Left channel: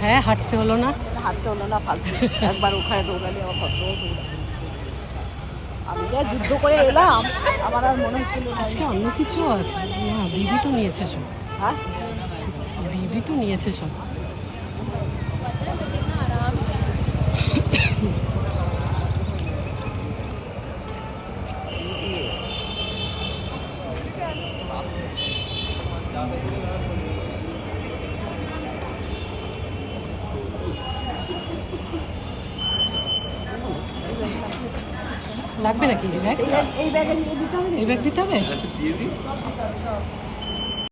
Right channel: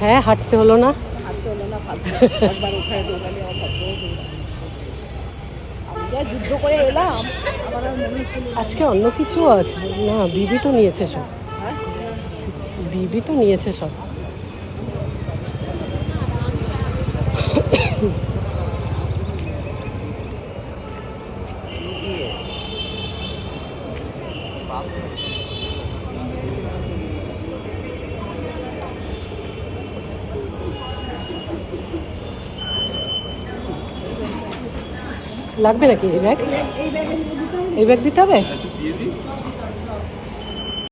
হ্যাঁ, হাঁটতে হলো না। ফালতু একবার ওখানে দৌড়ালে আমি যা যুদ্ধ করে এলাম, আমার আর মনে হচ্ছিল আজকে অন্য কিছু আছে না। দিদি তো নিয়েছে সব। হ্যাঁ, দিদি তো নিয়েছে সব। লাগবে নাকি ব্যাগ? এই ব্যাগে নিয়ে দিতে হবে। এই ব্যাগ দিতে হবে?